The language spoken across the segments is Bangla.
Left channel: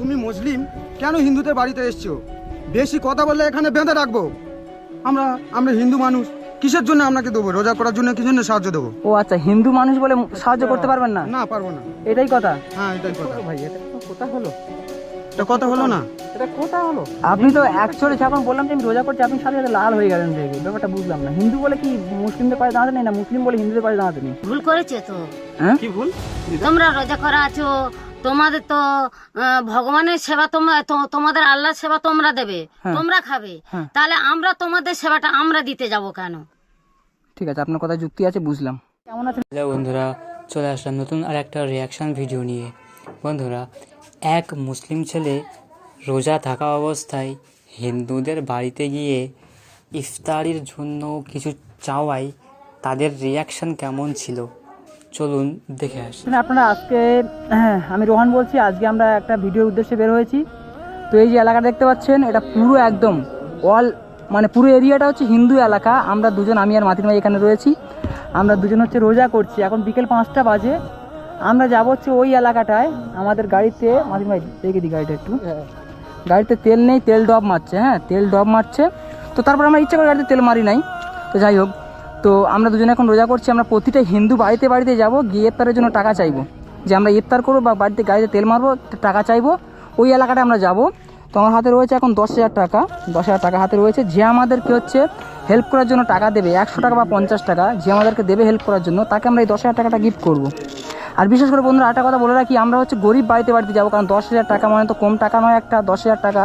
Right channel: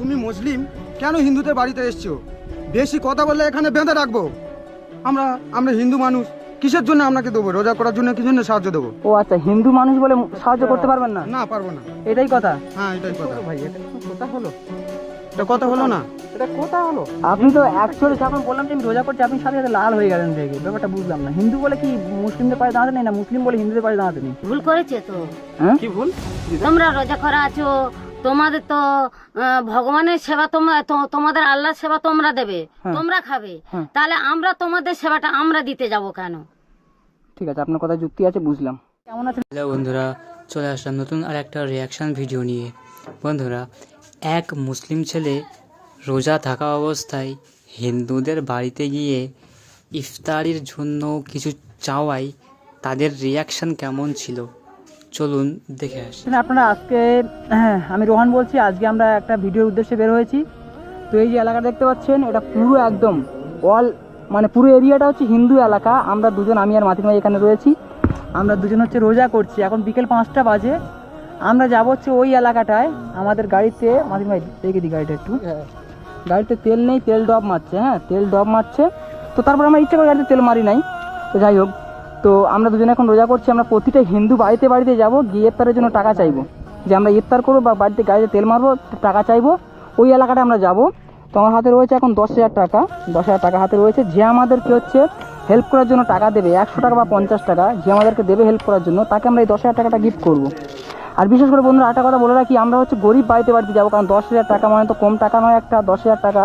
তুমি মুসলিম, কেন হিন্দুদের বাড়িতে এসছো? বেশি কথা বললে এখানে বেঁধে রাখবো। আমরা আমরা হিন্দু মানুষ, কিসের জন্য আপনাকে দেবো? রোজা করার জন্য কি জন্য সাহায্য দেবো? ও আচ্ছা, হিন্দু মানুষ বলে সাহায্য করতে পারবেন না? না, পারবো না। এটাই কথা? হ্যাঁ, এটাই কথা। ভাই এটা কথা হলো? এটা কথা হলো না? এটা কথা হলো? আপনি তো অ্যাকচুয়ালি যখন বললাম যে আমি রোজা করছি, আপনি সাথে সাথে লাল হয়ে গেলেন রেগে। ব্যাপারটা বুঝলাম না। হিন্দু বলে কি মুসলিমদের পায়ে দাঁড়াতে নেই, না মুসলিম বলে হিন্দুদের পায়ে দাঁড়াতে নেই? ভুল করেছে তো। হ্যাঁ কি ভুল? তোমরা রোজা করা আছো, তোমাদের তো ভগবানের সেবা তোমরা তোমাদের আল্লাহর সেবা তোমরা দেবে, হ্যাঁ। তোমরা খাবে, হ্যাঁ। তাহলে আমরা তোমাদের সেবাটা আমরা দিতে যাব কেন? ঠিক আছে, আপনার কথা যুক্তি আছে, বুঝলাম। কেমন আছেন? হ্যালো বন্ধুরা, চলে আসলাম নতুন আর একটা রিয়াকশান ভিডিও নিয়ে। বন্ধুরা, এক মুসলিম ছেলে রোজা থাকা অবস্থায় হিন্দুদের বাড়িতে গিয়ে ইফতারির জন্য কিছু চাওয়ায় তাদের রিয়াকশান কেমন ছিল চলুন দেখে আসি। আপনারা আজকে আমি রোহান বলছি। আজকে আমরা একটা ভিডিওর উদ্দেশ্যে বের হয়েছি। তো এই যে এলাকা দেখতে পাচ্ছেন, এটা পুরো একদম অল মানে পুরো এরিয়াটা হচ্ছে হিন্দু এলাকা। আমরা দুজন, আমি আর মাতিন ভাই এখানে রয়েছি। আমরা দুজন হচ্ছে রোজা করছি। এখন বিকেল 5টা বাজে। আমরা যাব হচ্ছে ওই এলাকাটায়। আমাদের গাড়িতে, মাতিন ভাই দেখে দিই গাড়িটা একটু, গাড়িতে তেল নেই, তেল ড্রপ মারছে। হ্যাঁ, তেল ড্রপ মারছে। তো তারপর আমরা ইচ্ছা করে গাড়িতে তেল মারি নাই। তো যাই হোক, তো আমরা দুজনে এখন রোজা করছি। আমরা প্রতিটা হিন্দু বাড়িতে বাড়িতে যাব, গিয়ে ইফতারের জন্য টাকা চাইবো, যে আমরা ইফতার করবো বা বাড়িতে গাড়িতে তেল মারবো, টাকা চাইবো। ওই এলাকাটা আমরা যাব। তো আমার হাতে রয়েছে এখন 10,000 টাকা। 10,000 টাকা হাতে রয়েছে। যে আমাদেরকে হচ্ছে হেল্প করার জন্য টাকা দেবে, 100 টাকা বা 50 টাকা, যে আমাদেরকে দেবে হেল্প করার জন্য, তাকে আমরা এই 10,000 টাকাটা গিফট করবো। আর বিশেষ করে বন্ধুরা একটা কথা বলে রাখি, আমরা হচ্ছে গরিব বাড়িতে বাড়িতে যাবো, কারণ 10,000 টাকা মানে তো কম টাকা নয় একটা। 10,000 টাকা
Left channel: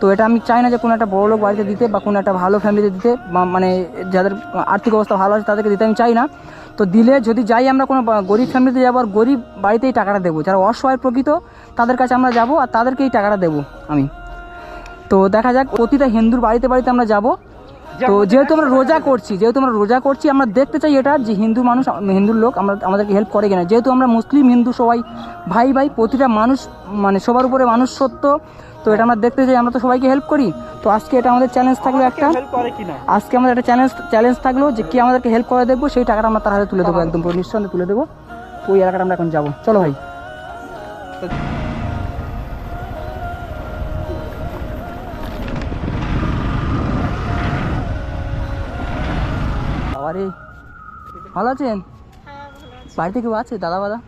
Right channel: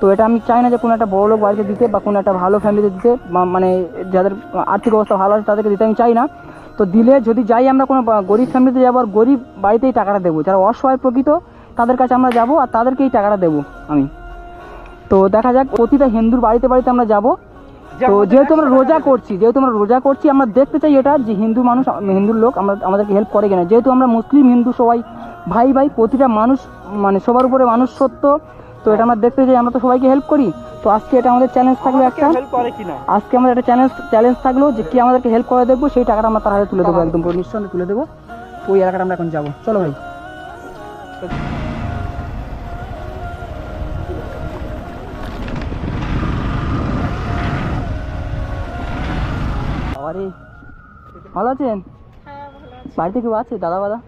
তো এটা আমি চাই না যে কোনো একটা বড় লোক বাড়িতে দিতে বা কোনো একটা ভালো ফ্যামিলিতে দিতে, মানে যাদের আর্থিক অবস্থা ভালো আছে তাদেরকে দিতে আমি চাই না। তো দিলে যদি যাই আমরা কোনো গরিব ফ্যামিলিতে যাবো, আর গরিব বাড়িতেই টাকাটা দেবো। যারা অসহায় প্রকৃত তাদের কাছে আমরা যাব আর তাদেরকেই টাকাটা দেবো আমি। তো দেখা যাক, প্রতিটা হিন্দুর বাড়িতে বাড়িতে আমরা যাব। তো যেহেতু আমরা রোজা করছি, আমরা দেখতে চাই এটা যে হিন্দু মানুষ, হিন্দুর লোক আমাদেরকে হেল্প করে কিনা। যেহেতু আমরা মুসলিম হিন্দু সবাই ভাই ভাই, প্রতিটা মানুষ মানে সবার উপরে মানুষ সত্য। তো এটা আমরা দেখতে চাই, আমরা তো সবাইকে হেল্প করি। তো আজকে এটা আমাদের চ্যালেঞ্জ থাকলো একটা, আজকে আমাদের একটা চ্যালেঞ্জ থাকলো যে কি আমাদেরকে হেল্প করে দেখবো, সেই টাকাটা আমরা তার হাতে তুলে দেবো, একদম পুরো নিঃসন্দেহে তুলে দেবো। তো ওই এলাকাটা আমরা এখন যাবো, চলো ভাই। আরে ভালো আছেন? বাড়িতে কেউ আছে? দাদা বাদা?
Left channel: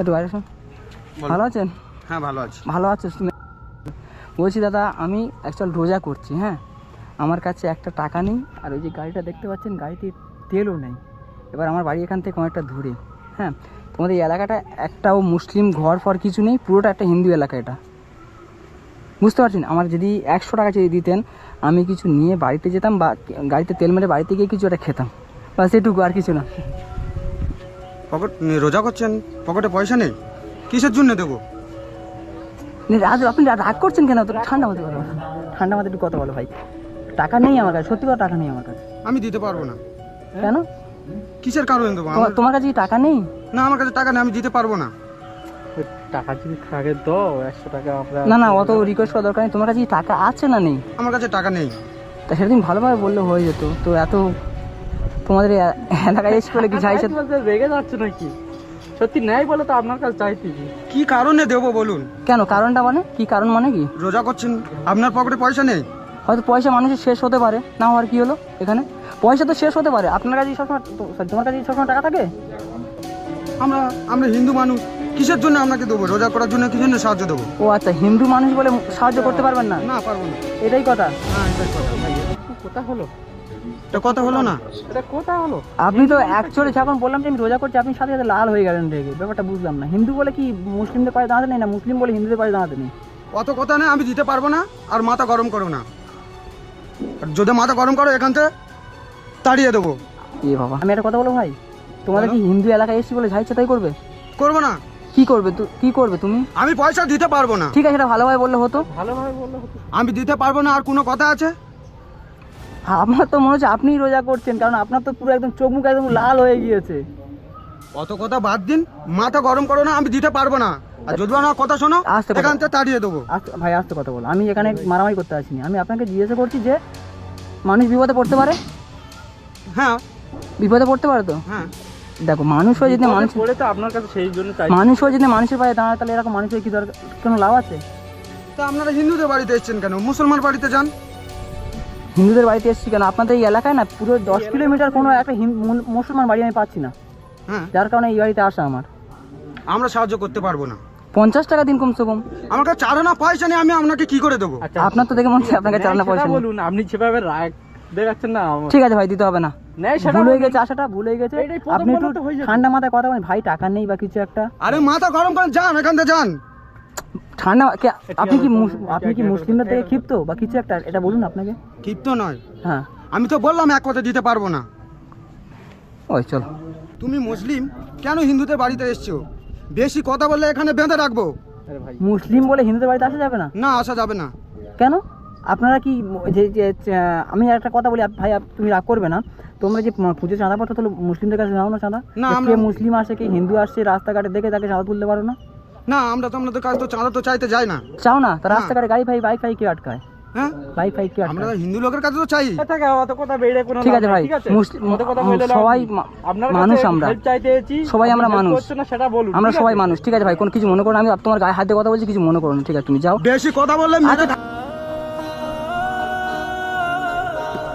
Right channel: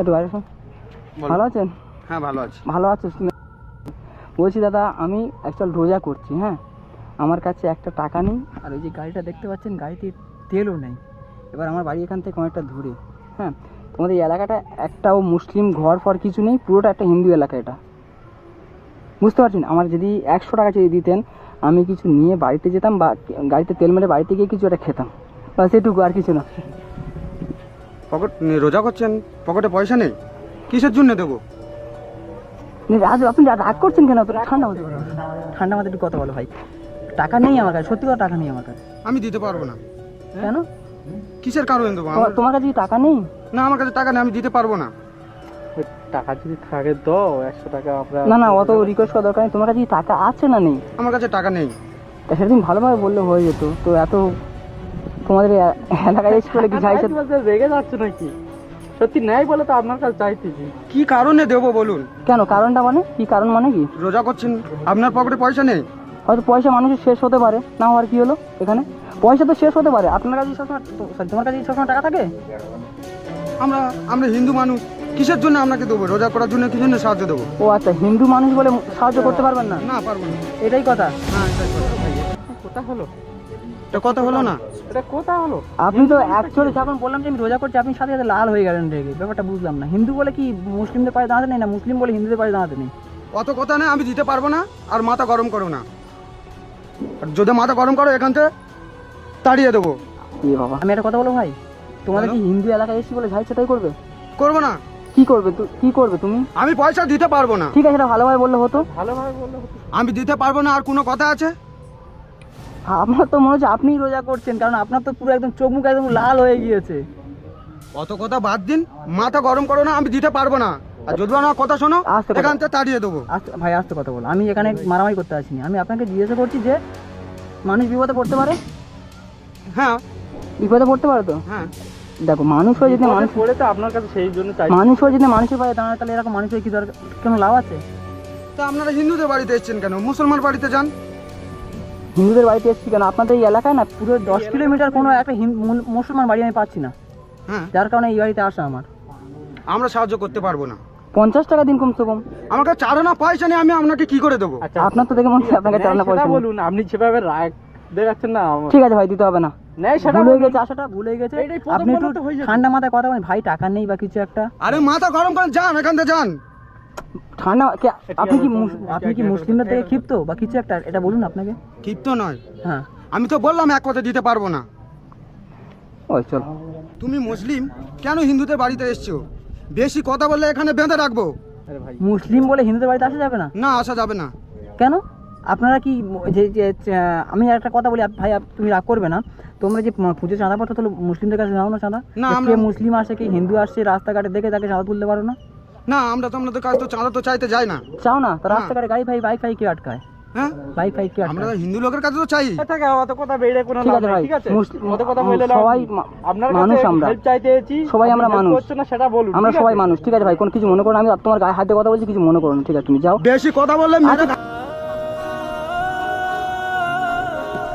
একটু বাইরে শোন। ভালো আছেন? হ্যাঁ, ভালো আছি। ভালো আছে শুনে বলছি দাদা, আমি অ্যাকচুয়াল রোজা করছি। হ্যাঁ, আমার কাছে একটা টাকা নেই, আর ওই যে গাড়িটা দেখতে পাচ্ছেন, গাড়িতে তেলও নেই। এবার আমার বাড়ি এখান থেকে অনেকটা দূরে। হ্যাঁ, তোমাদের এই এলাকাটা একটাও মুসলিম ঘর ফর কিছু নেই, পুরোটা একটা হিন্দু এলাকা এটা, বুঝতে পারছেন? আমার যদি 100 টাকা যদি দিতেন, আমি কিছু নিয়ে বাড়িতে যেতাম বা গাড়িতে তেল মেরে বাড়িতে গিয়ে কিছু একটা খেতাম, বাস এটুকু, আর কিছু না। পকেট রোজা করছেন, পকেটে পয়সা নেই, কিসের জন্য দেবো? আপনি রাগ করছেন কেন? তো ঠান্ডা মাথায় কথা বলো, ঠান্ডা মাথায় একটু কথা বলো ভাই। টাকা নেই আমার কাছে, সত্যি কথা টাকা নেই আমার কাছে। আমি দিতে পারবো না। কেন? কিসের কারণে দেবো? তোমার কাছে কি টাকা নেই? না, আমার কাছে টাকা নেই, আমি দিতে পারবো না। টাকা যদি থাকে দাও, 100 টাকা আমরা। না, অত রিকোয়েস্ট করা দরকার নেই। তোমার কাছে কি টাকা আছে না নেই? আমার কাছে টাকা নেই। তা সেদিন ভালোভাবে বললে হয়ে যেত। তো এত তোমাদের এলাকায় এসে বলে কি চাইছে? রেগে যাচ্ছে নাকি? সত্যি নেই বলে তো আপনার কাছে চাইতেছি। কি কারণে দেবো বলুন? কেন কারণটা মানে কি? কারণ মানে কি? রোজা করছেন, আপনার পকেটে পয়সা নেই। হয়তো পয়সা মানুষের শেষ হতে পারে, না হওয়ার কি হলো? এখানে পয়সা তো শেষ হতে পারে। আপনার কাছে সবসময়, সরি তোমার কাছে সবসময় টাকা থাকে? আমরা হিন্দু মানুষ, কিসের জন্য আপনাকে দেবো? রোজা করার জন্য কি জন্য সাহায্য দেবো? ও আচ্ছা, হিন্দু মানুষ বলে সাহায্য করতে পারবেন না? না, পারবো না। এটাই কথা? হ্যাঁ, এটাই কথা। কোথা হলো? এটা কথা হলো না? এটা কোথা হলো? আপনি তো অ্যাকচুয়ালি যখন বললাম যে আমি রোজা করছি, আপনি সাথে সাথে লাল হয়ে গেলেন রেগে। ব্যাপারটা বুঝলাম না। হিন্দু বলে কি মুসলিমদের পায়ে দাঁড়াতে নেই, না মুসলিম বলে হিন্দুদের পায়ে দাঁড়াতে নেই? অত কথা নেই, আমি দিতে পারবো না। আর মাথা গরম করো না। আর যদি মাথা গরম করো, এখান থেকে তাড়িয়ে দেবো। এ বাবা, আমি একটা কথা বলবো ভাই, তোমাদের কি হিন্দু এলাকায় এসেছি বলে যাইছে তাই করবে? করবো না। কি করবে তুমি? আমি পয়সা দিতে পারবো না। ঠিক আছে, এটা ভালোভাবে বললে হতো। ভালোভাবে বললে হতো। আমি দিতে পারবো না। আর কোনো কথা আছে? হ্যাঁ, আপনার তো মনে হচ্ছে আপনিই রোজা করছেন, কারণ আপনার তো পুরো একদম চোখ মুখ একদম লাল হয়ে গিয়েছে। অত কথা বাদ দিন, মাথা গরম করো না। আমি দিতে পারবো না। আর যদি আমার কথা শোনো, আস্তে কথা। এখান থেকে তাড়িয়ে দেবো। ভাই আস্তে কথা বলো। আমি এখানে মারামারি করতে আসিনি। আমি আপনাকে জিজ্ঞাসা করছি যে মানুষ বিপদে পড়তে পারে? হ্যাঁ, বিপদে পড়তে পারে তো? হ্যাঁ। দেখো মানুষ হয়ে যদি মানুষ করে তো আপনার কাছে সেই জন্য চাই। মানুষ হয়ে যদি মানুষের পায়ে দাঁড়ায় তাহলে এরকম মানুষের কি দরকার, কোনো লাভ আছে? তা আপনারা হিন্দুদের বাড়িতে এসেছেন কেন? মুসলমান বাড়িতে যান। হিন্দুদের বাড়িতে এসেছি কেন? আপনাদের এই এলাকায় না পুরো 10 কিলোমিটার কোনো একটা মুসলমান বাড়ি আমি পাচ্ছি না, হ্যাঁ, যার কারণে এই বাড়িতে আসা আমার। আমরা সাহায্য করতে পারবো না। 50 টাকা দিন কমসে কম। আমার কাছে চারানা পয়সা নেই, আমি আপনাকে কি করে দেবো? আচ্ছা আপনার তো দেখে মনে হচ্ছে আপনাকে চালানো পয়সা নেই। বলুন, আপনি যেভাবে রাগ দেখাচ্ছেন না ঠিক আছে ভাই, দিতে হবে না, নেই সেটা ভুল হয়ে বলুন। গেছে, আশাটা ভুল হয়ে গেছে। এইটাই প্রথম আপনি একটু বলতে হয়ে যাবে। ঠান্ডা মাথায় কথা বলেন ভাই, টাকা নেই বা কিছু একটা। আরে মাথা গরম করে যান, এখান থেকে যান। ঠান্ডা আপনি কি মুসলিমদের থেকে ক্ষিপ্ত বা কিছু একটা, এটা বলুন আপনাকে। ক্ষিপ্ত নয়, হ্যাঁ আমি তো বললাম এক কথা দিতে পারবো না। ওই চলো। তুমি মুসলিম, কেন হিন্দুদের বাড়িতে এসছো? বেশি কথা বললে এখানে বেঁধে রাখবো। আরে ভাই, মুসলিম বলে হিন্দুদের বাড়িতে আসা যাবে না? না, আসা যাবে না। কেন? আপনারা কি আমি একটা কথা বলি ভাই, তুমি রাগ করবে না, তোমরা যে পুজো চাঁদা পাঠো তাহলে মুসলিমদের কাছে নাও না চাঁদা? না, কে আমরা- মুসলিম আসে কি হিন্দু আসছে রাস্তাঘাটে দেখে তাকে চাঁদা তুলতে পারো না? না, আমরা তো আপনাদের কাছে তো চাঁদা তো চাইতে যাই না। চাও না? তা না। রাস্তাঘাটে গাড়ি বাইক কে আটকায়? হ্যাঁ, বাইক কে আমরা আটকায়? হিন্দু লোকের কাছে তো চাই। এটাকে অত কথা বেড়ে কোনো ঠিক লাভ আছে নেই, ভাই, ঠিক আছে? অত কথা মুসলিম বলে লাভ সবাই নেই। আপনার মানুষ, কাছে আমরা হেল্প চাইতে এসেছি, সবাই আমরা আপনি help মানুষ। করছেন না সেটা বলুন, আমরা ঠিক সবাই আছে? মানুষ, ঠিক আছে ভাই, কোনো কিছু মনে করো না, আমি তোমার গায়ে হাত দিয়ে কথা বলছি, কিছু মনে করো না, ঠিক আছে তুমি যাও। বেশি কথা বললে মেরে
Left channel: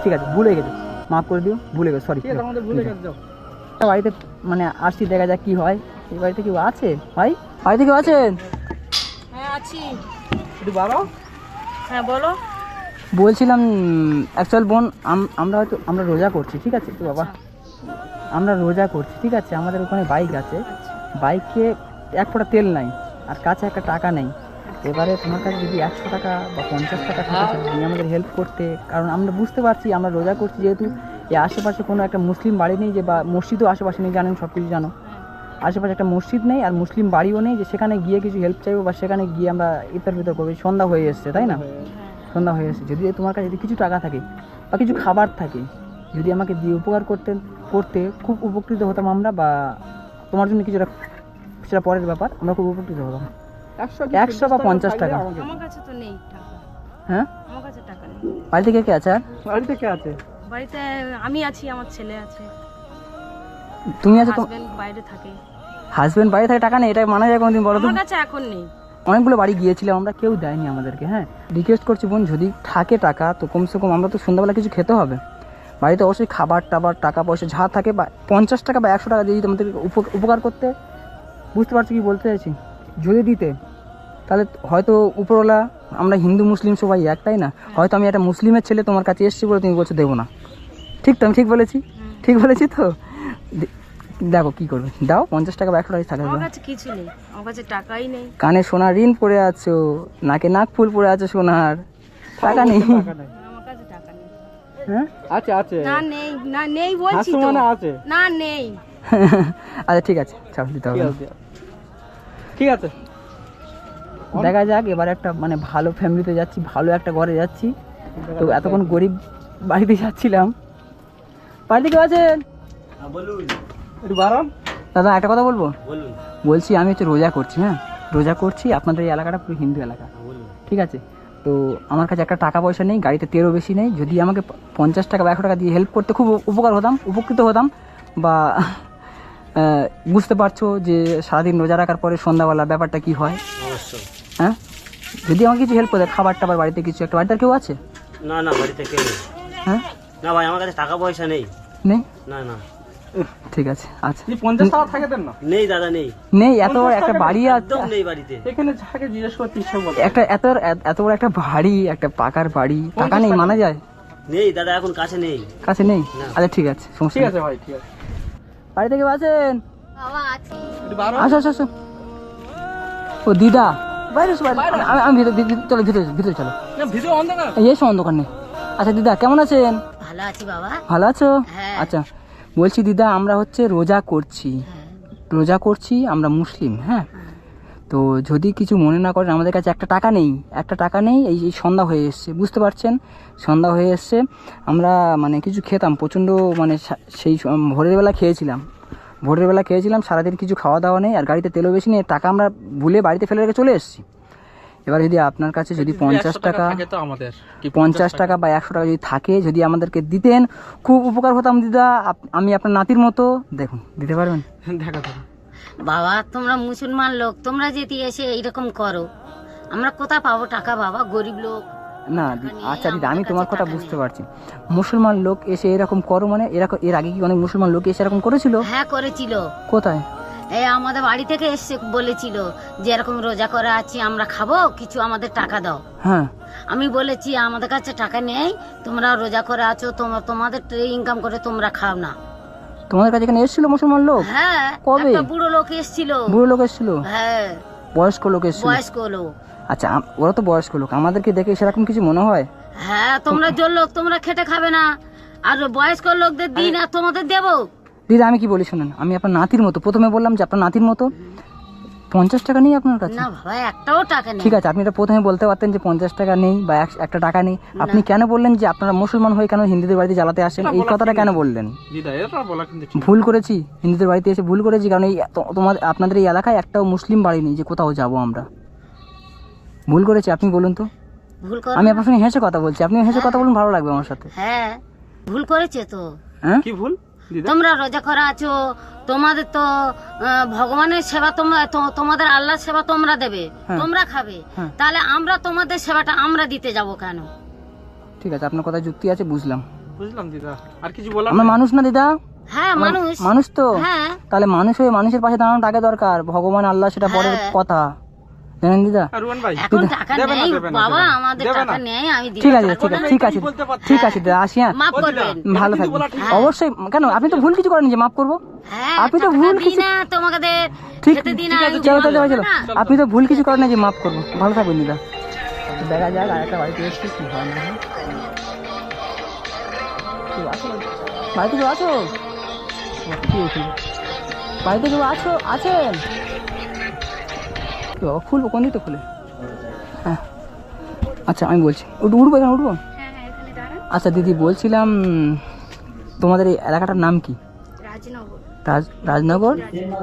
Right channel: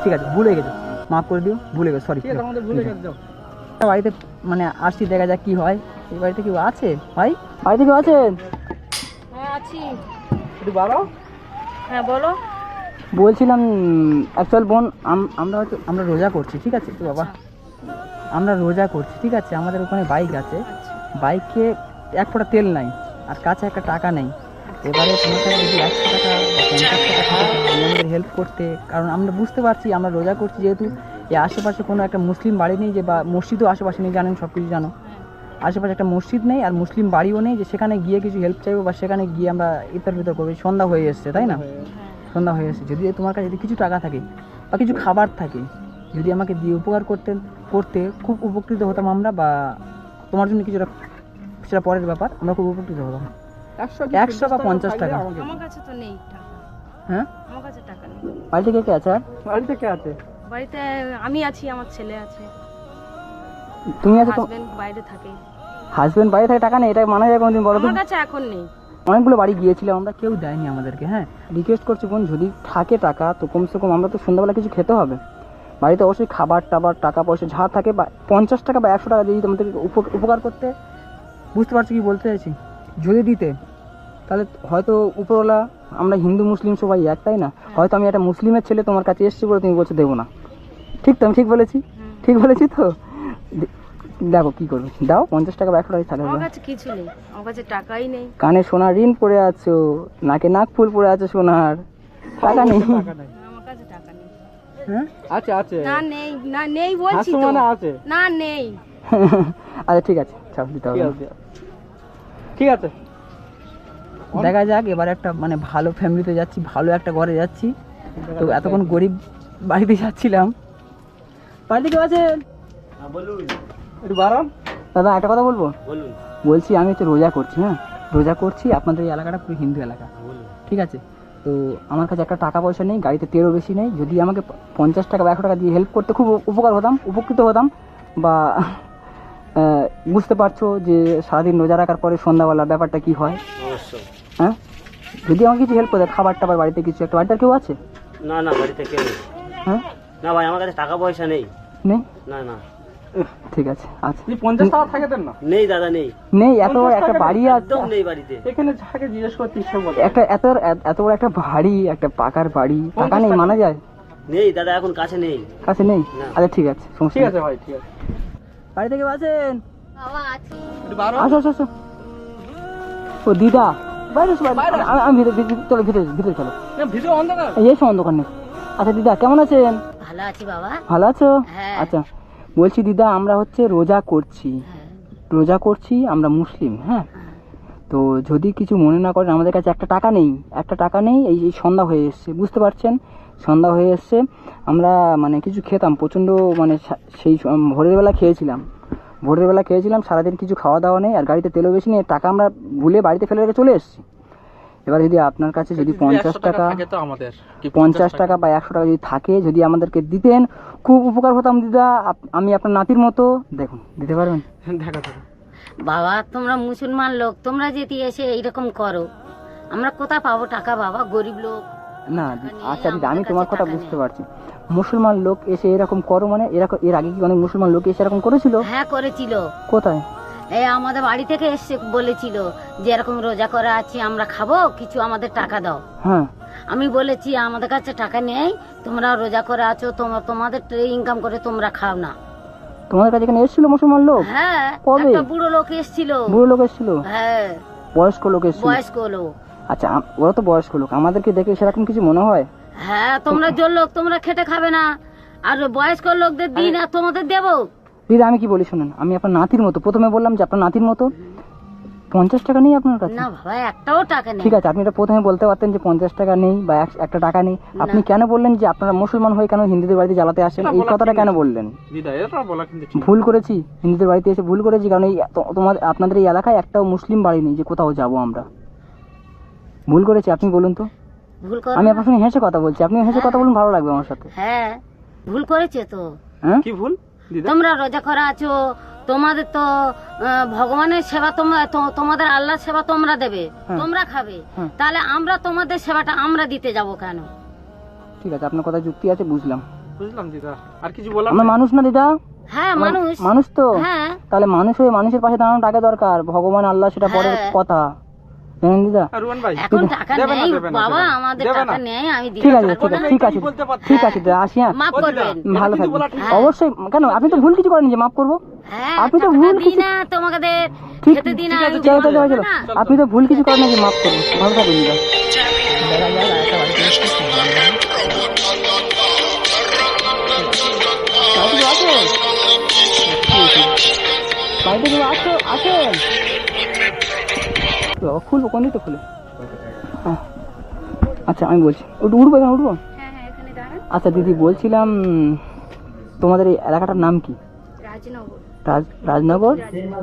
ঠিক আছে, ভুলে গেছো, মাফ করে দিও, ভুলে গেছো, সরি। ঠিক আছে, আমাদের ভুলে গেছে, যাও। বাড়িতে মানে আসছি, দেখা যাক কি হয়। এই বাড়িতে কেউ আছে ভাই? বাড়িতে কেউ আছেন? হ্যাঁ আছি। একটু বাড়াও। হ্যাঁ বলো। বলছিলাম অ্যাকচুয়াল বোন, আমরা রোজা করছি, ঠিক আছে তো বাবা, আমরা রোজা করছি, ঠিক আছে, আমাদের ওখানে বাইক আছে, বাইকে এক ফোঁটা তেল নাই আর কাছে একটা টাকা নেই। এবারে তোমার কাছে যদি 100 টাকা বা 50 টাকা থাকে তুমি আমাদের হেল্প করতে, কারণ আমরা বুঝতে পারছি আমরা রোজা করছি, যেহেতু এই আশেপাশে কোনো একটা মুসলিম বাড়ি নেই, যে বা মসজিদও আশেপাশে নেই, জানেন সব কিছু জানো, আশেপাশে একটা মসজিদ নেই আর মুসলিম বাড়িও নেই যে সেখানে গিয়ে কিছু হেল্প চাইবো বা সেখানে গিয়ে আমরা ইফতার ফিতর করবো। সন্ধ্যা হয়ে এসছে, তাই না? সন্ধ্যা হয়ে এসেছে, যদি তোমার কাছে যদি কিছু টাকা থাকে বা কিছু খাবার থাকে, যদি আমাকে দিয়ে উপকার করতে খুব উপকৃত হতাম আমরা, বা তোমার জন্য কিছুটা, সেটা পরের ব্যাপার, আমরা খুব উপকৃত হতাম। 100 বা 50 টাকা। আমার কাছে তো নেই টাকা। হ্যাঁ, আমার কাছে টাকা নেই। বাড়িতে কে কে আছে? আর বাড়িতে কে আছে? বাড়িতে আমি আছি, আমার ছেলে আছে, তুমি আছো? তো হাজবেন্ড বাইরে থাকে। হাজবেন্ড বাইরে থাকে, টাকা নেই, এটা মানা যায় কোনোদিন? বলো তো। আমার কাছে এখন নেই। অনেকগুলো বাড়ি গিয়েছিলাম আমরা, কেউ দেয়নি আমাদেরকে। হ্যাঁ, রিকোয়েস্ট করছি বোন, যদি থাকে টাকা তো কমসে কম আমরা তো সন্ধ্যাবেলা কিছু খেতে হবে, বাড়িতে অবশ্যই খাবার টাবার টাকা পয়সা যা থাকে, বা 50 টাকা বা 100 টাকা যদি তোমাদের উপকার করতে, বুঝতে পারছো কি বলতে চাইছি, যদি দিতে তাহলে হয়তো উপরওয়ালা, আমরা হিন্দু মুসলিম সবাই এক, তাই না? হয়তো আমি একটা মুসলিমের ছেলে তোমার কাছে এসেছি বলে তুমি বলছো দেবো না, ঠিক তো? আমি ঠিক বলেছি? ঠিক বলেছি তো? দেখো কি করবে, দাও 50 টাকা বা 100 টাকা থাকে। আমার কাছে কিছু নেই, আমার কাছে টাকাই নেই। কানে সোনার ঋণ পরে আছো, নাকে নাক ফুল পরে আছো সোনার, টাকা নেই? টাকা নাই। আমার কাছে টাকা নেই। হ্যাঁ, আছে আছে, না নেই, না নেই বলছি আছে তো। মানে আছে। না নেই। আচ্ছা ঠিক আছে, ছাড়, দিতে হবে ঠিক না। আছে, ঠিক আছে। দেখা যাক, এবার একটা মানে ভালো ফ্যামিলিতে যাচ্ছি, ভালো একটা ঘরে যাচ্ছি, তো এতক্ষণ গরিব বাড়িতে যাচ্ছিলাম। বাড়িতে কেউ আছেন? একটু বাড়ান। দাদা একটা কথা বলবো? বলুন। বলছি আমি হচ্ছে রোজা করছি, হ্যাঁ রোজা করছি, আপনাদের এই এলাকাটা পুরো হিন্দু এলাকা, ঠিক আছে, তো আমার কাছে একটা টাকা পয়সা নেই, গাড়িতে তেলও বেশি নেই, যদি আমাকে 50 টাকা বা 100 টাকা দিয়ে হেল্প করতে খুব উপকার হতাম, উপকৃত হতাম, বা বুঝতে পারছো যে সারাদিন রোজা রাখার পরে সন্ধ্যাবেলা ব্যাপারটা কি হয়। অবশ্যই। হ্যাঁ, যদি আমাকে কিছু হেল্প করে, খাবার টাবার বাড়িতে কিছু একটা, বাড়িতে আর কেউ আছে? না না, বাড়িতে কেউ নেই। হ্যাঁ, না ভাই, আমার কাছে টাকা পয়সা নেই। নেই? না না, ঠিক আছে, আচ্ছা, আপনি 50 টাকা থাকে দেন না? নেই দাদা, নেই, নেই, এত বড় একটা বাড়ি আছে, একদম নেই বাড়িতে। এখানে যাকে জিজ্ঞেস করতে ইচ্ছা বলে। এত বড় একটা বাড়ি, একটা পাকার বাড়ি, টাকা নেই মানা যায়? নেই দাদা, এখন কাছে নেই। কাছে নেই? না। আচ্ছা ঠিক আছে, সমস্যা ঠিক নেই। আছে ভাই, ঠিক আছে। বাড়িতে কেউ আছেন? বাবা আছি। একটু বাড়ান। আসো আসো আসো। ও দিদা, বাইরে এসো, বাইরে। আমি চলো ভিতরে চলো, ভিডিও অন্ধকার। এই এসো, অন্ধকার নেই। আচ্ছা দিদা কেমন আছেন? ভালো আছি বাবা। ভালো আছো? হ্যাঁ। আচ্ছা, বলছি দিদা, আমরা হচ্ছে রোজা করছি, আমরা মুসলিম, হ্যাঁ, তো যদি কিছু মনে না করেন, আমাদের কাছে একটা টাকা নেই, এই সন্ধ্যা হয়ে এসছে, বুঝতে পারছেন, সন্ধ্যা হয়ে এসছে, আমরা মানে কিছু খেতাম প্রচণ্ড, মানে সেই ভোরের বেলা খেয়েছিলাম, সারাদিন কিছু খাওয়া দাওয়া নেই, আর গাড়িতে তেলও বেশি নেই, টাকা আমরা ভুলে বাড়িতে ফেলে রেখে চলে এসেছি। এবার যদি আপনার কাছে যদি 50 টাকা থাকে তো আমাদের কি 50 টাকা বা 100 টাকা যদি থাকে, যদি আমাদেরকে দিতেন খুব উপকার হতাম দিদা। আমি আপনার নাতির মতো, দেখুন দিতে পারবেন? দেখা যাবে। বাবা তোমরা মুসলমান লোক, তোমরা যদি এসে এইরকম করো, আমরা কোথায় পাবো টাকা বাবা? গরিব লোক। না আচ্ছা দিদা, আমি তোমার কথা বুঝতে পারছি। মুসলমান লোক এসে এরকম করো মানে, এরকম এর আগে কি অনেক মুসলমান লোক এসে এরকম করেছিল? হ্যাঁ করেছিল। কোথায়? এই আমাদের বাড়ি থেকে এসে বলেছিল যে এরকম রোজা করে আছি, আমরা খাবো, কিছু আমাদের টাকা দাও। হ্যাঁ, আমি বলেছি আমাদের কাছে টাকা নেই, তোমরা রোজা করে আছো, তোমাদের ইনকাম করে তোমরা খাও না। তোমাদের কাছে এখানে এসেছিল মুসলমান লোক? হ্যাঁ, কবে? একটা বুড়ো লোক এসেছিল। বুড়ো লোক এসেছিল? হ্যাঁ, বয়স্ক লোক এসেছিল? বয়স্ক লোক। আচ্ছা, ওরা তো বয়স্ক লোক, আমাদেরকে দেখে সেরকম কিছু মনে হয়? হ্যাঁ, তোমরা জোর লোক, তোমরা খেটে খাবে না, আর বয়স্ক লোকদের দিন আর তোমাদের দেবো। দিদা আমি কি বলি শুনুন, আমি আপনার নাতির মতো, প্রথমে বললাম যে আপনার নাতির মতো। 50 টাকা নেই আপনার কাছে? না বাবা, একটাও টাকা নেই। ঠিক আছে, আপনি এটা প্রথমে বলতে পারতেন যে 50 টাকা নেই বা একটা টাকা নেই। আপনি কেন বললেন যে আপনারা মুসলমান হয়ে কেন হিন্দুদের বাড়িতে জ্বালাতে আসেন? এই কথাটা কেন বললেন? দিদা এটা বলা কিন্তু ঠিক। ভুল করেছি, হিন্দুদের বাড়িতে এসে ভুল করেছি, কারণ এই তোমাদের আপনাদের এই এলাকায় একটাও মুসলিম বাড়ি নেই যে কোথাও যাব আমরা। ভুল করেছি, আপনি বলুন তো। ভুল করো আমি না। আপনার সঙ্গে হেসে কথা বলছি, আপনি হেসে কথা বলুন, ভালো লাগবে আমার সাথে। হ্যাঁ, ভুল করেছে তো। হ্যাঁ, কি ভুল দিদা? তোমরা রোজা করা আছো, তোমাদের তো ভগবানের সেবা তোমাদের আল্লাহর সেবা তোমরা দেবে, তোমরা খাবে, তাহলে আমরা তোমাদের সেবাটা আমরা দিতে যাব কেন? ঠিক আছে, আপনার কথা যুক্তি আছে, বুঝলাম। বুঝলাম দিদা, আর কিছু বলার আমরা নেই? মানুষ না দিদা? হ্যাঁ, মানুষ। মানুষ তো, হ্যাঁ, তাহলে মানুষ হয়ে মানুষের পাশে দাঁড়ানোর টাকা দরকার, ভগবান আল্লাহ সেটা পরের কথা, জানেন দিদা? আর রুয়ান ভাই এখন টাকা দেবে না, নেই দেবে না, বাবা, দেবে না। আমাদের দেবে টাকা না। নেই, আমি দিতে ঠিক আছে, পারবো না। ঠিক আছে, বলতে পারছি। ঠিক আছে দিদা, আসি। হ্যাঁ, মাফ ও দিদা, করবেন। ভালো কিন্তু থাকবেন। বলা ঠিক। অবশ্যই, কেন আপনি তো ভুল কিছু করেন যে মাফ করবো? হ্যাঁ, আপনি তো টাকা ভুল দিই কিছু- না তোমাদের, ঠিক খেতে দিই না, ঠিক আছে, আমি চলো বলবো চলো চলো, না। আপনি তো ভুল কিছু করেন না যে মাফ করবো। ভালো থাকবেন দিদা। দেখা যাক আরেকটা বাড়িতে এসেছি, কি হয় না হয়। বাড়িতে কেউ আছো? কি হয়েছে? বাড়িতে কেউ আছেন? তো খুলবো, কোন দিকটা খুলে? হ্যাঁ, আচ্ছা আমি বলছি, উঠবো এখানে উঠবো? আচ্ছা দিদি, বলছিলাম তোমাদের এই এলাকাটার নাম কি? রাজনগর।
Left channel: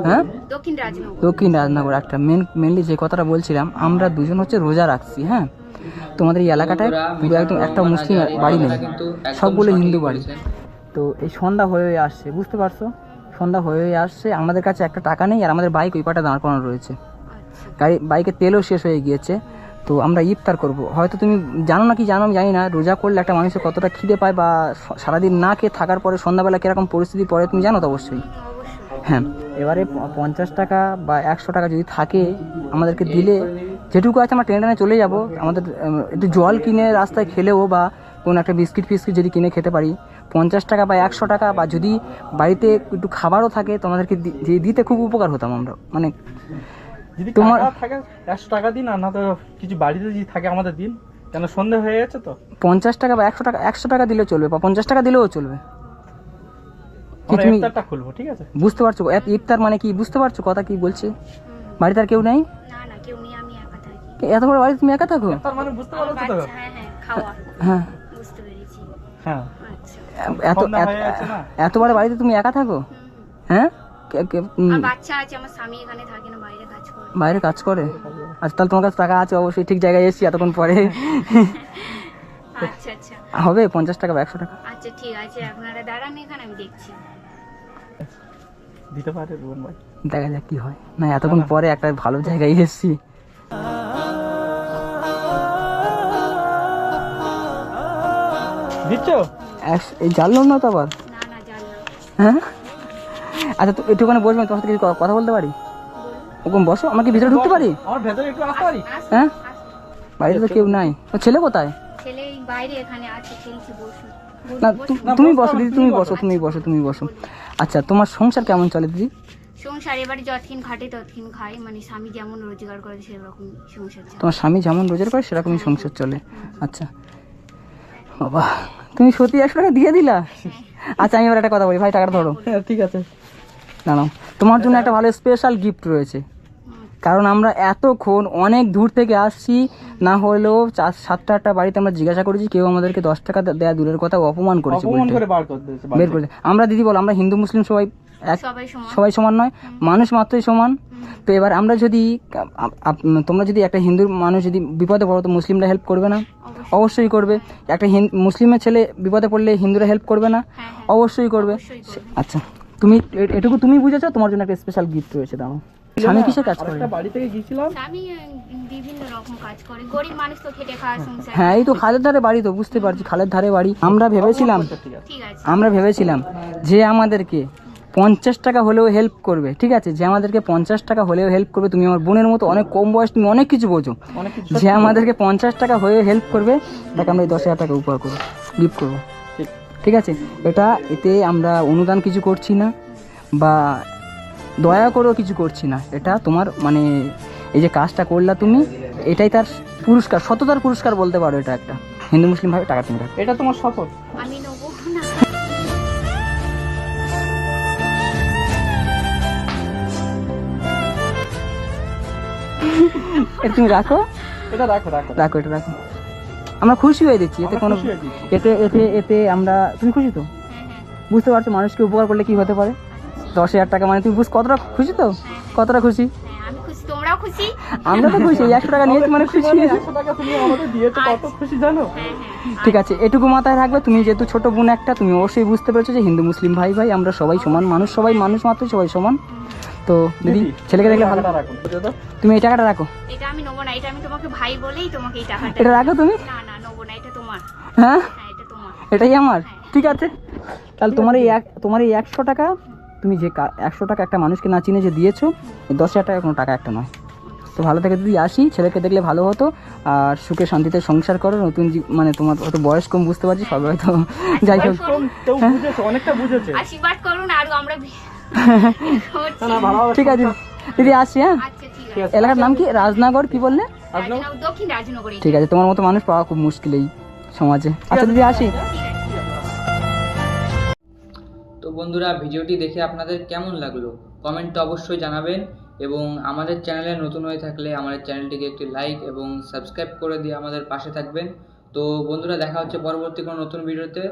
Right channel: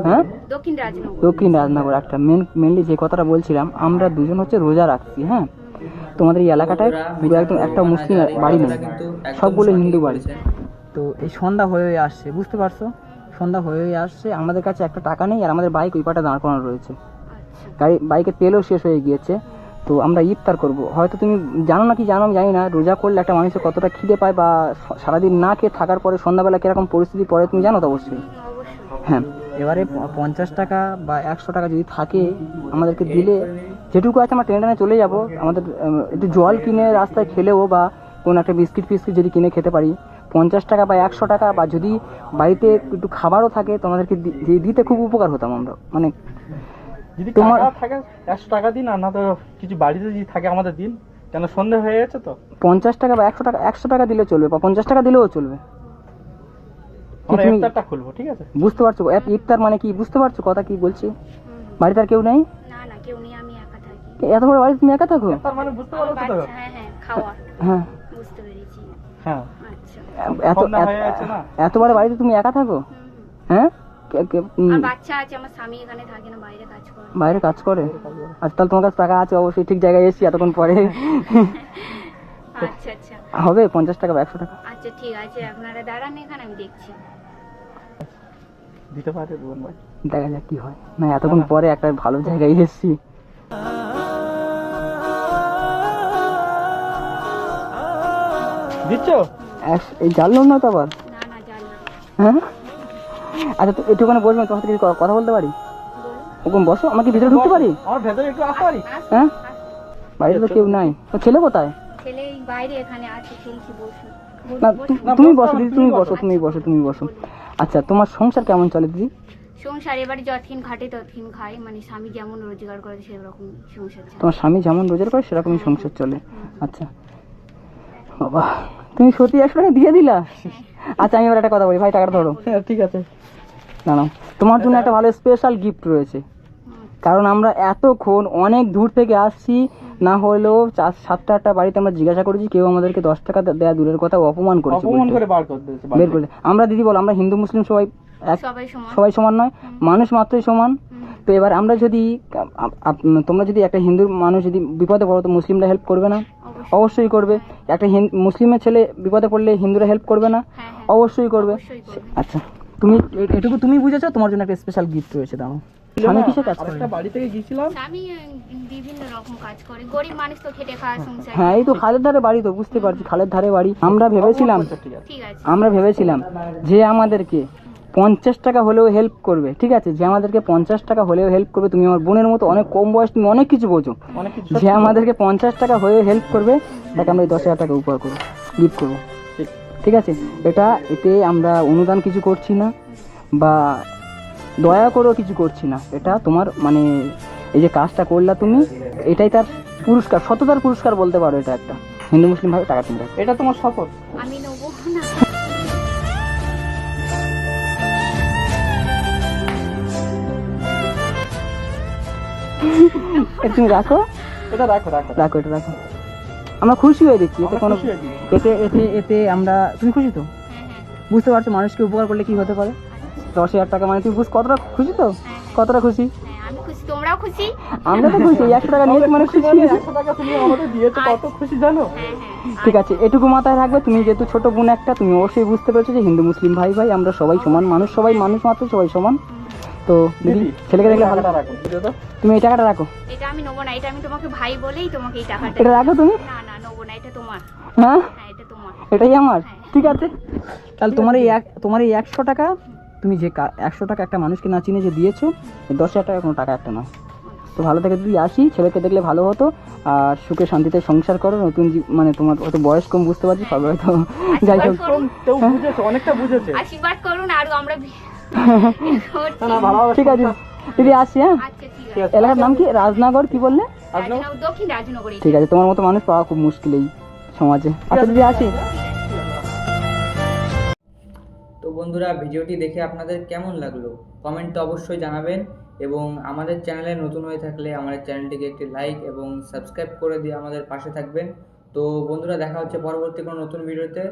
হ্যাঁ, দক্ষিণ রাজনগর। একটা মেনলি যে কথাটা বলছিলাম, আমরা দুজন হচ্ছে রোজা রাখছি। হ্যাঁ, তোমাদের এই এলাকাটায় পুরো একদম একটা মুসলিম বাড়ি নেই, সবগুলো হিন্দু বাড়ি। তো এই সন্ধ্যা হয়ে আসছে, বুঝতে পারছো? সন্ধ্যা হয়ে আসছে, আমাদের কাছে একটা টাকা নেই, আর আমাদের বাইক ওই পাটা দাঁড় করানো রয়েছে, বাইকের তেলও শেষ হয়ে গিয়েছে। তো আমরা ইফতার করব। হয়তো তুমি জানো না কি জানো আমি জানি না, রোজা করলে একটা মানুষের কতটা খিদে পায়, বা সারাদিন না খেয়ে থাকার পরে সন্ধ্যাবেলা কীরকম পরিস্থিতি পড়ে তুমি জানো তো অবশ্যই। হ্যাঁ, এবারে 50 টাকা বা 100 টাকা যদি থাকে আমাদেরকে দিলে, যেটুকু আছে আমরা টেনে টেনে চলে যাব। আমাদের একটু জল কিনে রাস্তায় খেলেও, বা কোনো একটা বিস্কিট ফিস্কিট যদি কিনে খেতে পারি, 50 টাকা বা 100 টাকা, বা যদি বাড়িতে একটু খাবারও থাকে তোমাদেরকে দিতে খুব উপকার হতাম আমরা। মানে যদি তোমার টাকা থাকে 100 টাকা দিন, আর না তো কিছু বাড়িতে যদি থাকে আমাদের দিন, কেন সন্ধ্যা হয়ে গেছে তো। 50 টাকা বা 100 টাকা দিলেও চলবে, বা 50 টাকা দিলেও চলবে। আমরা তুমি ইফতারটা খুলবো, ঠিক আছে? বুঝতে পারছো ইফতার মানে কি? বুঝতে পারছো কথা কি বলছে? বাড়িতে আর কেউ নেই? এত বড় বাড়িতে তুমি একা থাকো? তার মানে বুঝতে পারছো তো? হ্যাঁ, হ্যাঁ, এত সন্ধ্যা হয়ে গেছে না? এত বড় বাড়িতে তুমি একা থাকো? হ্যাঁ, বাচ্চা আছে আমার, স্বামী এখানে থাকে না, বাইরে কাজ করে। বাইরে কাজ করে? আচ্ছা, তাহলে তোমার কাছে টাকা আছে, অবশ্যই ঠিক জায়গায় এসেছি এতক্ষণ পরে। আচ্ছা আচ্ছা হবে 50 টাকা বা 100 টাকা? আচ্ছা, ঠিক আছে, আপনারা দাঁড়ান এখানে, আমি দেখছি। দিতে পারে রুয়ান ভাই। দেখা যাক কি হয়। না, এতক্ষণ পরে একটা ভালো জায়গায় এসেছি। দিচ্ছ? এই জানলাম না তো আবার। না না, জানলাম। হ্যাঁ, আচ্ছা তো একটুখানি বসবেন, তোমার সাথে কিছু কথা বলতে পারি? ওরকম বসো, আমাকে ভিতরে ঢুকতে পারি? আমার ভেতরে একটু আসতে পারি? হ্যাঁ, বাড়িতে তো কেউ নাই। ও ছেলে কোথায়? ছেলে এই বাইরে এখানে আছে, খেলছি, বসুন। না, তুমি বসো দিদি, তুমি বসো। আচ্ছা, তোমার সংসার কেমন চলে দিদি? সংসার এবারে যতক্ষণ খাটে ততক্ষণ খাই, মানে স্বামী যেমন রোজগার করে সেরকম সংসার চলে। তোমার স্বামী যেমন রোজগার করে সেরকমই সংসার চলে? আচ্ছা বাবা, তুমি সত্যি 100 টাকা দিয়ে দিলা? আচ্ছা, আমি এবার একটা কথা বলি, ভাই টাকাটা ধরো। হ্যাঁ, ঠিক আছে। না না, তোমার জন্য একটা ভালো স্পেশাল গিফট রয়েছে, কারণ আমরা এতক্ষণ অনেক দূর থেকে আসছি, না হলেও 7টা বাড়িতে আমরা জিজ্ঞাসা করেছি, কেউ আমাদেরকে 10 টাকা দেয়া দূরের কথা অপমান করেছে, অপমান উল্টে। করে বার করে দিয়েছে। বের করে আমরা দিদি বলো, আমরা হিন্দু মুসলিম সবাই এক, সবাই সমান। সবাই সমান নয়, মানুষ মাত্রই সমান। তো এবার আমরা যদি তোমরা যদি একটা হিন্দু মানুষ যদি বিপদে পড়ো তো মুসলিমরা হেল্প করবে না? অবশ্যই করবে। একটা মুসলিমের ছেলে বিপদে পড়লে হিন্দুরা হেল্প করবে না? হ্যাঁ, হ্যাঁ। অবশ্যই করবে। অবশ্যই করবে। আচ্ছা, তুমি এটুকু তুমি বুঝেছো, তোমার জন্য একটা স্পেশাল গিফট রয়েছে। দাও। স্বামী কিসে কাজ করে? আরেকটা বাড়ি থেকে গিয়েছিলাম। স্বামী বিভিন্ন রকম কাজ করে, গরিব মানুষ তো খেটে খাওয়া সংসার। হ্যাঁ, এই তো খালের ধারে বাড়ি, তো বুঝতে পারছি খালের ধারে বাড়ি। আমরা ভেবেছিলাম ঠিক আছে। যে আমাদেরকে 50 টাকা হলেও হেল্প করবে, ঠিক আছে, যে আমাদেরকে 50 টাকা হলেও হেল্প করবে। তুমি আমার বোনের মতো অনেক কম বয়স, তুমি অনেক কিছু বোঝো। যে আমাদেরকে 50 টাকা হয়ে হেল্প করবে তাকে আমরা এই 10,000 টাকা উপহার করবো, গিফট করবো। ঠিক আছে, এতে আমরা অনুদান কিছু করছি না বা দয়া করেও কিছু করছি না। এটা তোমার মানে এই যে কাজটা করলা তুমি, এটাই তার পুরস্কার, সততার পুরস্কার বলতে পারো। এটা একটা হিন্দু মুসলিম ভাবে টাকা তুমি রাখো। এটা তোমার শপথ। আমি নেবো না। এটা তুমি রাখো, এটা রাখো রাখো রাখো, এটা রাখো। আমরা খুশি হয়ে দিচ্ছি এতে, আমরা কোনো খুশি হয়ে দিচ্ছি। এতে এতে এতে আমরা, তুমি খুশি তো? হ্যাঁ, হ্যাঁ। বুঝতে পারছো মানুষকে উপকার করলে কি হতে পারে? 10,000 টাকা মানে তুমি কতটা খুশি তো? কতটা খুশি? হ্যাঁ, আমি খুশি, তোমরাও খুশি? আমরা তো খুশি, 100 টাকা নিয়েছি মানে খুশি। 100 টাকা তুমি আমাদের দিয়েছো, কত খুশি জানো? হ্যাঁ, হ্যাঁ। ঠিক আছে, এটুকু মাথায় রাখবে। তুমি যেহেতু ছোট বোন একটা, তুমি অবশ্যই বুঝতে পেরেছো যে হিন্দু মুসলিম ভাই ভাই আমরা সবাই সমান মানুষ, সবাই মানুষ মাত্র, সবাই সমান। তো দিদি, ছেলেকে দেখলে ভালো। টাকাটা রাখো, বুঝে দাও। তুমি এই টাকাটা রাখো। এটা আমি নেবো না, এটা আমি তোমাকে ভাই বলেই তোমাকে এই টাকাটা। এটা রাখো তুমি। না না, নেবো না, এটা তোমার। হ্যাঁ, হ্যাঁ, এটা তোমার। এটাই আমার। ঠিক আছে, তাহলে তোমার এই 100 টাকা, তুমি যে 100 টাকা একটা মানুষকে না চিনে যে দিয়েছো, এই 10,000 টাকা কোনো টাকা একটা নয়। তো ভালো থেকে যদি আসি, ছেলেকে দেখলে ভালো হতো। আর সুখে শান্তিতে সংসার করো। নতুন মানে তোমার অত বয়স কম, বুঝতে পারছি সবাই হয়তো, যাই হোক। কেউ বুঝেছে, অনেকটা বুঝেছে। আশীর্বাদ করুন আর আমরা না না, ভালোভাবে ঠিক আছে দিদি, আসি। হ্যাঁ, আচ্ছা, ঠিক আছে। এলাকার নাম কি? রাজনগর কি বললে? রাজনগর, দক্ষিণ রাজনগরে। ঠিক আছে, তোমার মতো মানুষ পাওয়া খুব মুশকিল এই সমাজে। আচ্ছা দিদি, আসি। তো বন্ধুরা, ভিডিওটি দেখে আপনাদের কেমন লাগলো কমেন্টে অবশ্যই জানাবেন, এবং আমাদের চ্যানেলে নতুন হয়ে থাকলে আমাদের চ্যানেলটিকে একটি লাইক এবং সাবস্ক্রাইব করে দিয়ে আমাদের পাশে থাকবেন। তো বন্ধুরা, দেখা হচ্ছে পরবর্তী কোনো নতুন ভিডিওতে।